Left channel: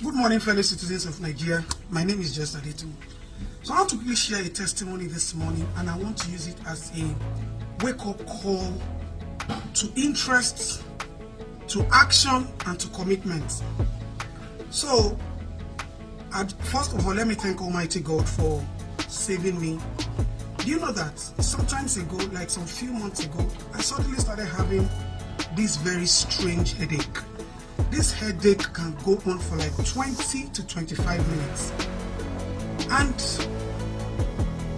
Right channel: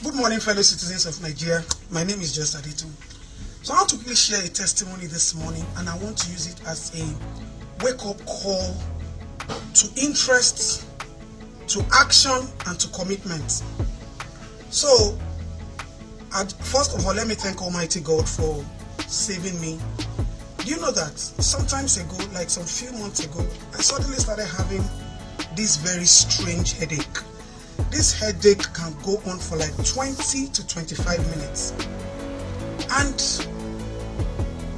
Good morning, fellow citizens of Nigeria. My name is just Adetoun. So I want to quickly share a testimony this morning, and I want to use it as a wake-up call to interest, to action, and to commitment. So, first of all, let me thank Almighty God for saving me. Do you know that sometimes ago, like some few months ago, I suddenly started having this very strange headache. This headache can go on for like 20 to 25 minutes. And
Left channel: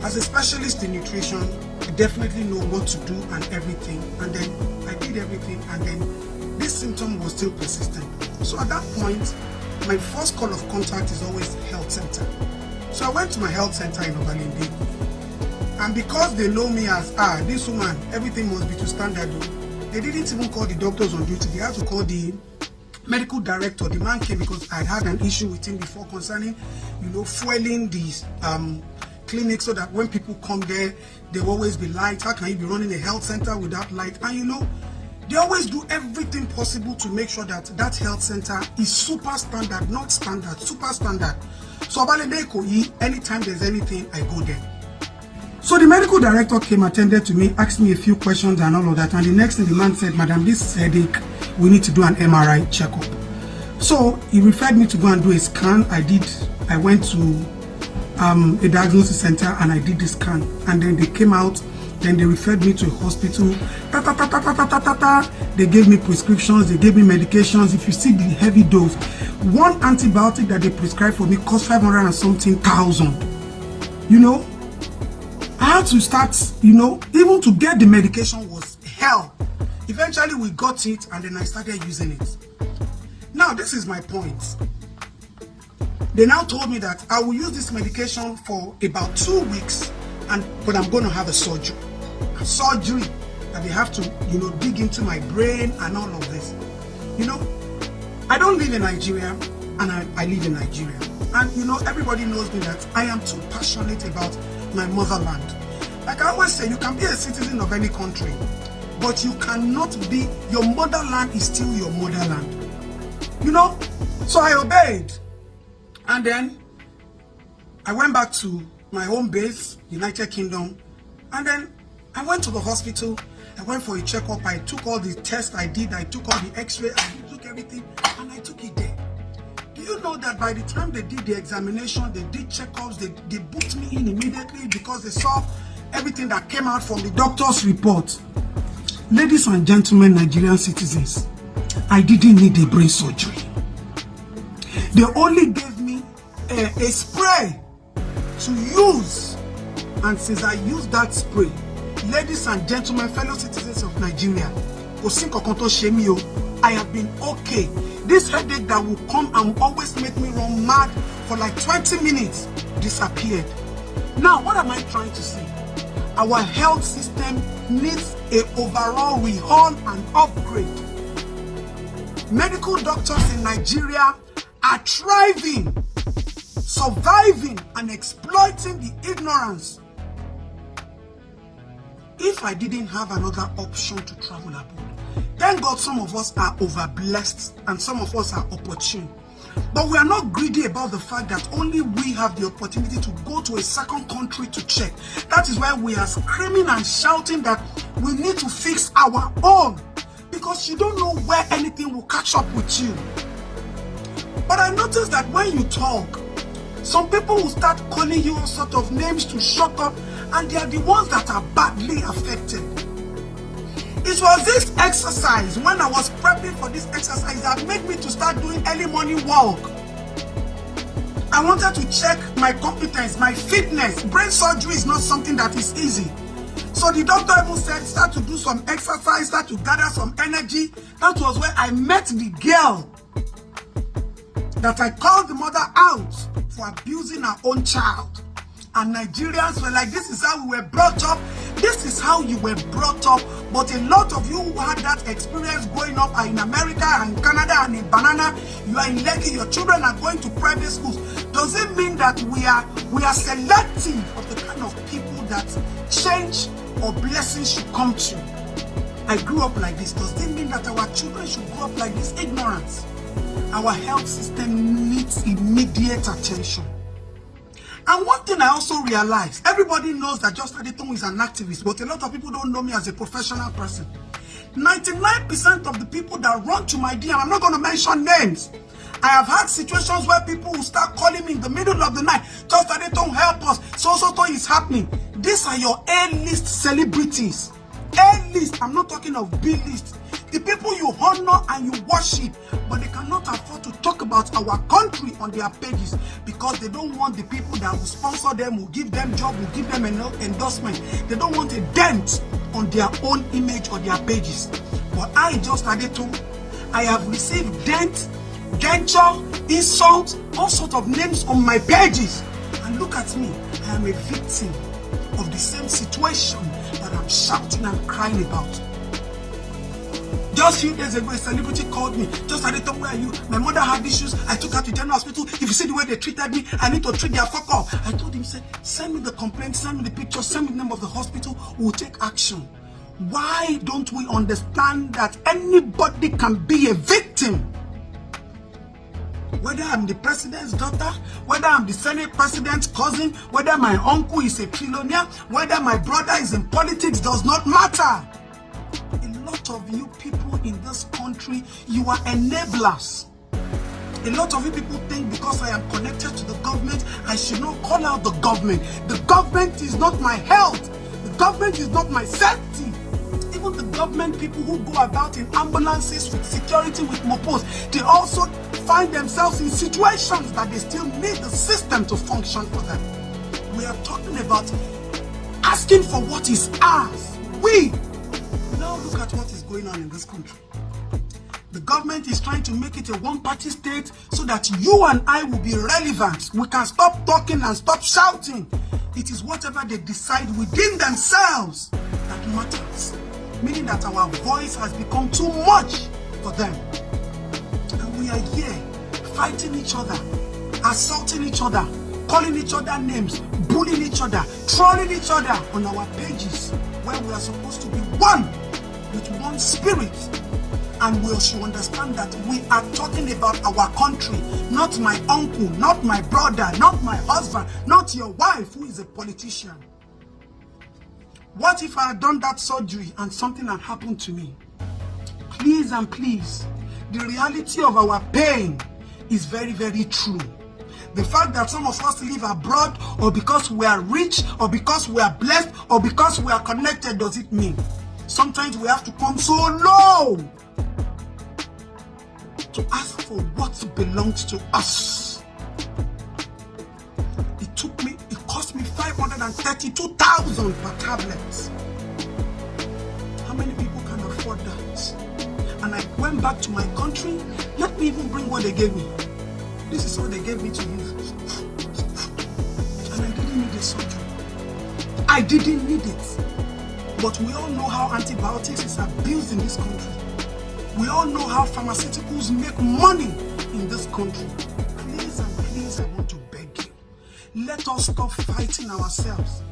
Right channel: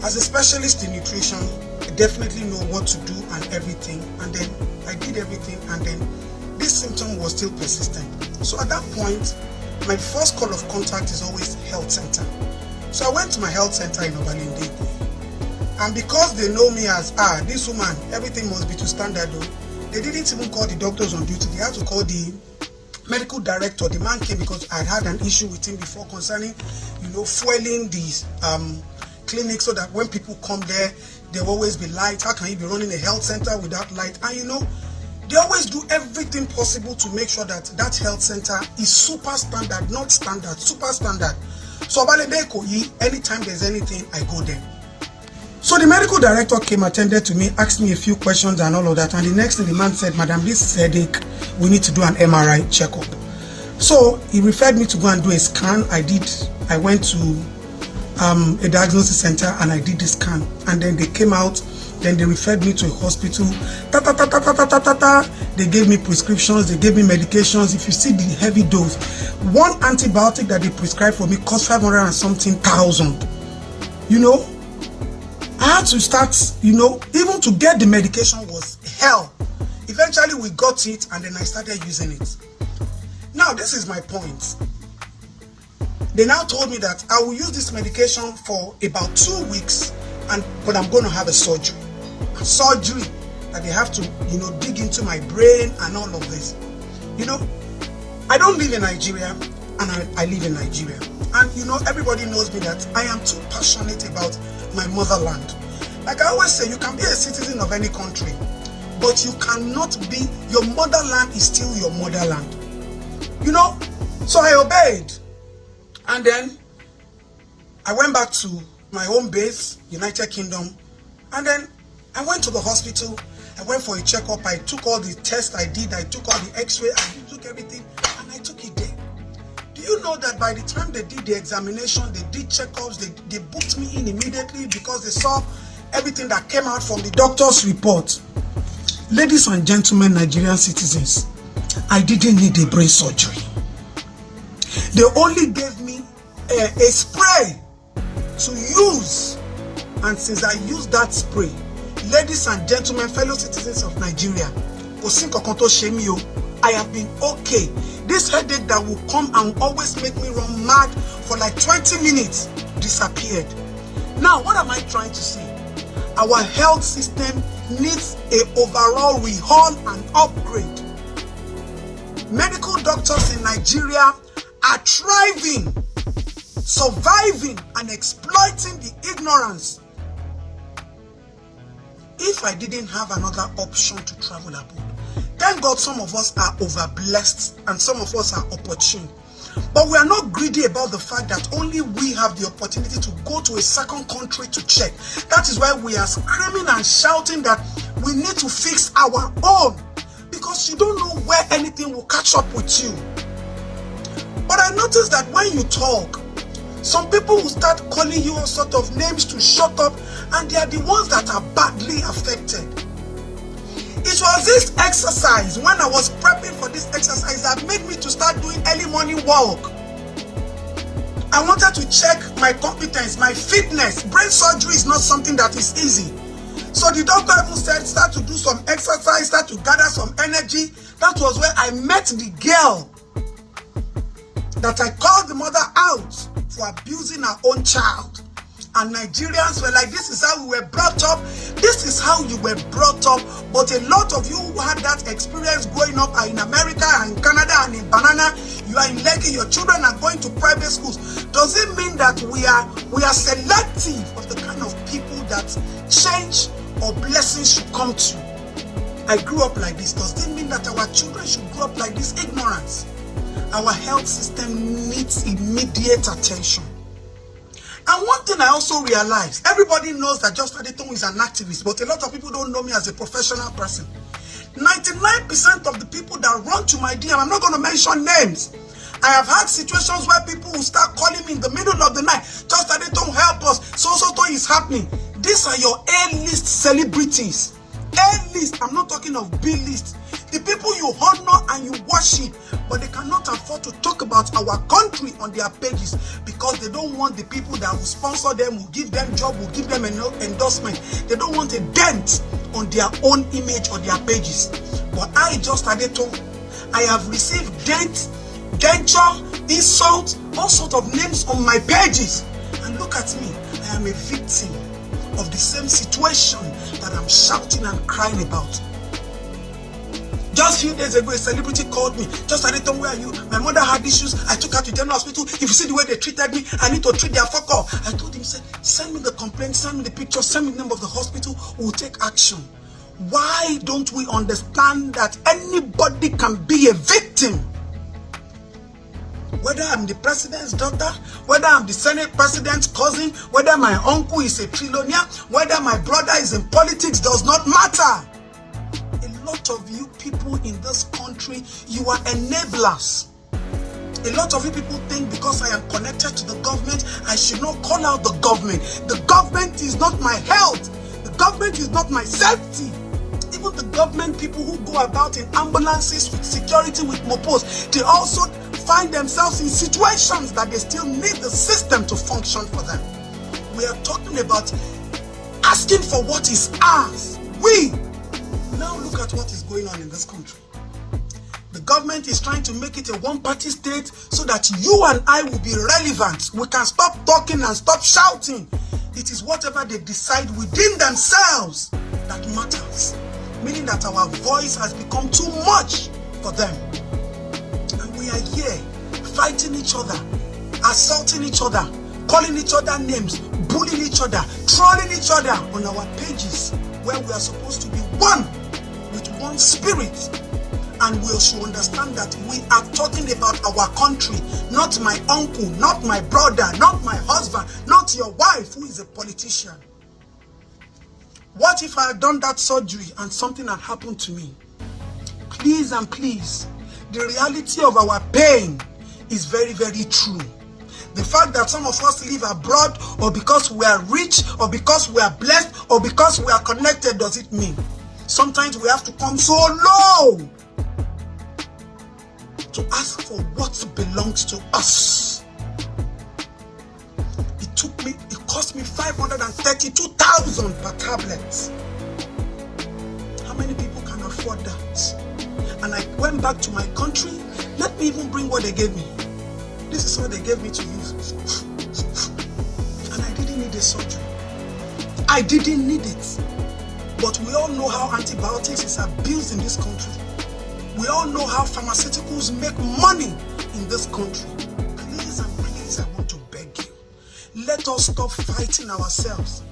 as a specialist in nutrition, I definitely know what to do and everything. And then I did everything, and then this symptom was still persistent. So at that point, my first call of contact is always health center. So I went to my health center in Obalende. And because they know me as, this woman, everything must be to standard, they didn't even call the doctors on duty. They had to call the medical director. The man came because I had an issue with him before concerning, fueling these clinics, so that when people come there, there will always be light. How can you be running a health center without light? And they always do everything possible to make sure that that health center is super standard, not standard, super standard. So anytime there's anything, I go there. So the medical director came, attended to me, asked me a few questions and all of that. And the next thing the man said, "Madam, this headache, we need to do an MRI checkup." So he referred me to go and do a scan. I went to a diagnosis center and I did the scan. And then they came out, then they referred me to a hospital. They gave me prescriptions, they gave me medications. If you see the heavy dose, one antibiotic that they prescribed for me cost 500 and something thousand. I had to start, even to get the medication was hell. Eventually we got it, and then I started using it. Now, this is my point. They now told me that I will use this medication for about 2 weeks, but I'm going to have a surgery. A surgery that they have to, dig into my brain and all of this. I don't live in Nigeria, and I live in Nigeria. And everybody knows me that I am too passionate about my motherland. Like I always say, you can be a citizen of any country, but you cannot be, your motherland is still your motherland. So I obeyed. And then I went back to my home base, United Kingdom. And then I went to the hospital. I went for a checkup. I took all the tests I did. I took all the x-ray. I took everything, and I took it there. Do you know that by the time they did the examination, they did checkups, they booked me in immediately because they saw everything that came out from the doctor's report. Ladies and gentlemen, Nigerian citizens, I didn't need a brain surgery. They only gave me a spray to use. And since I used that spray, ladies and gentlemen, fellow citizens of Nigeria, I have been okay. This headache that will come and always make me run mad for like 20 minutes disappeared. Now, what am I trying to say? Our health system needs an overall overhaul and upgrade. Medical doctors in Nigeria are thriving, surviving, and exploiting the ignorance. If I didn't have another option to travel abroad, thank God some of us are overblessed and some of us are opportune. But we are not greedy about the fact that only we have the opportunity to go to a second country to check. That is why we are screaming and shouting that we need to fix our own, because you don't know where anything will catch up with you. But I noticed that when you talk, some people will start calling you all sort of names to shut up, and they are the ones that are badly affected. It was this exercise, when I was prepping for this exercise, that made me to start doing early morning walk. I wanted to check my competence, my fitness. Brain surgery is not something that is easy. So the doctor even said, start to do some exercise, start to gather some energy. That was where I met the girl that I called the mother out for abusing her own child. And Nigerians were like, this is how we were brought up. This is how you were brought up. But a lot of you who had that experience growing up are in America and in Canada and in Banana. You are in Lekki. Your children are going to private schools. Does it mean that we are selective of the kind of people that change or blessings should come to? I grew up like this. Does it mean that our children should grow up like this? Ignorance. Our health system needs immediate attention. And one thing I also realized, everybody knows that Just Adetoun is an activist, but a lot of people don't know me as a professional person. 99% of the people that run to my DM, I'm not going to mention names. I have had situations where people will start calling me in the middle of the night. Just Adetoun, help us. So is happening. These are your A-list celebrities. A-list. I'm not talking of B-list. The people you honor and you worship, but they cannot afford to talk about our country on their pages because they don't want the people that will sponsor them, will give them job, will give them an endorsement. They don't want a dent on their own image on their pages. But I, Just Adetoun, I have received dent, denture, insult, all sorts of names on my pages. And look at me, I am a victim of the same situation that I'm shouting and crying about. Just a few days ago, a celebrity called me. Just Adetoun, where are you? My mother had issues. I took her to general hospital. If you see the way they treated me, I need to treat their fuck off. I told him, send me the complaint, send me the picture, send me the name of the hospital. We'll take action. Why don't we understand that anybody can be a victim? Whether I'm the president's daughter, whether I'm the Senate president's cousin, whether my uncle is a trillionaire, whether my brother is in politics, does not matter. A lot of you people in this country, you are enablers. A lot of you people think because I am connected to the government, I should not call out the government. The government is not my health. The government is not my safety. Even the government people who go about in ambulances with security, with mopos, they also find themselves in situations that they still need the system to function for them. We are talking about asking for what is ours. Now look at what is going on in this country. The government is trying to make it a one-party state so that you and I will be relevant. We can stop talking and stop shouting. It is whatever they decide within themselves that matters. Meaning that our voice has become too much for them. And we are here fighting each other, assaulting each other, calling each other names, bullying each other, trolling each other on our pages where we are supposed to be one with one spirit. And we should understand that we are talking about our country, not my uncle, not my brother, not my husband, not your wife who is a politician. What if I had done that surgery and something had happened to me? Please and please, the reality of our pain is very, very true. The fact that some of us live abroad, or because we are rich, or because we are blessed, or because we are connected, does it mean? Sometimes we have to come so low to ask for what belongs to us. It cost me 532,000 per tablet. How many people can afford that? And I went back to my country. Let me even bring what they gave me. This is what they gave me to use. And I didn't need a surgery. I didn't need it. But we all know how antibiotics is abused in this country. We all know how pharmaceuticals make money in this country. Please and please, I want to beg you. Let us stop fighting ourselves.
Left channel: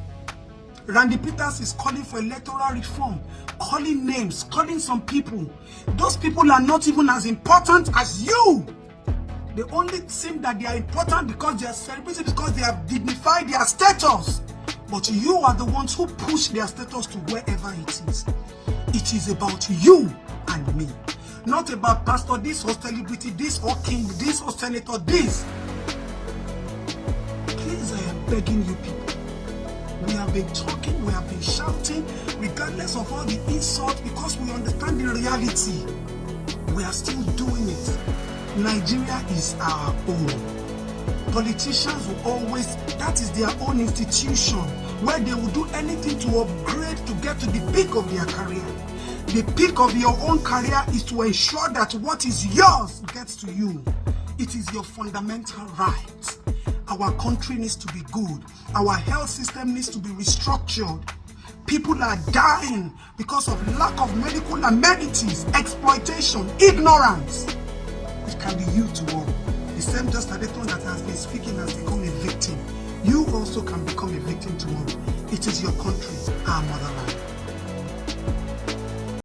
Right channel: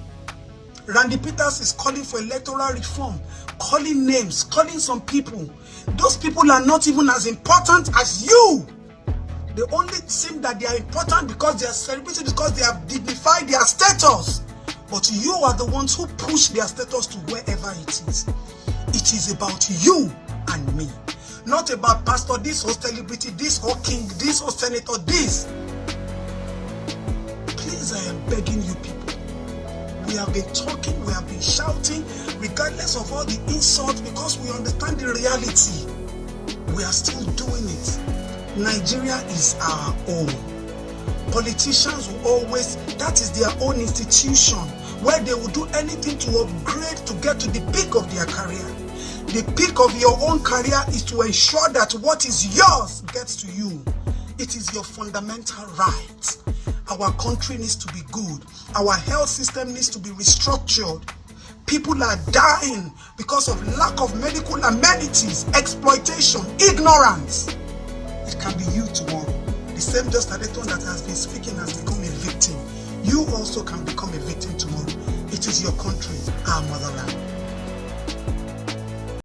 Randy Peters is calling for electoral reform, calling names, calling some people. Those people are not even as important as you. They only seem that they are important because they are celebrated, because they have dignified their status. But you are the ones who push their status to wherever it is. It is about you and me. Not about pastor, this or celebrity, this or king, this or senator, this. Please, I am begging you people. We have been talking, we have been shouting, regardless of all the insults, because we understand the reality. We are still doing it. Nigeria is our own. Politicians will always, that is their own institution, where they will do anything to upgrade to get to the peak of their career. The peak of your own career is to ensure that what is yours gets to you. It is your fundamental right. Our country needs to be good. Our health system needs to be restructured. People are dying because of lack of medical amenities, exploitation, ignorance. It can be you tomorrow. The same Just Adetoun that has been speaking has become a victim. You also can become a victim tomorrow. It is your country, our motherland.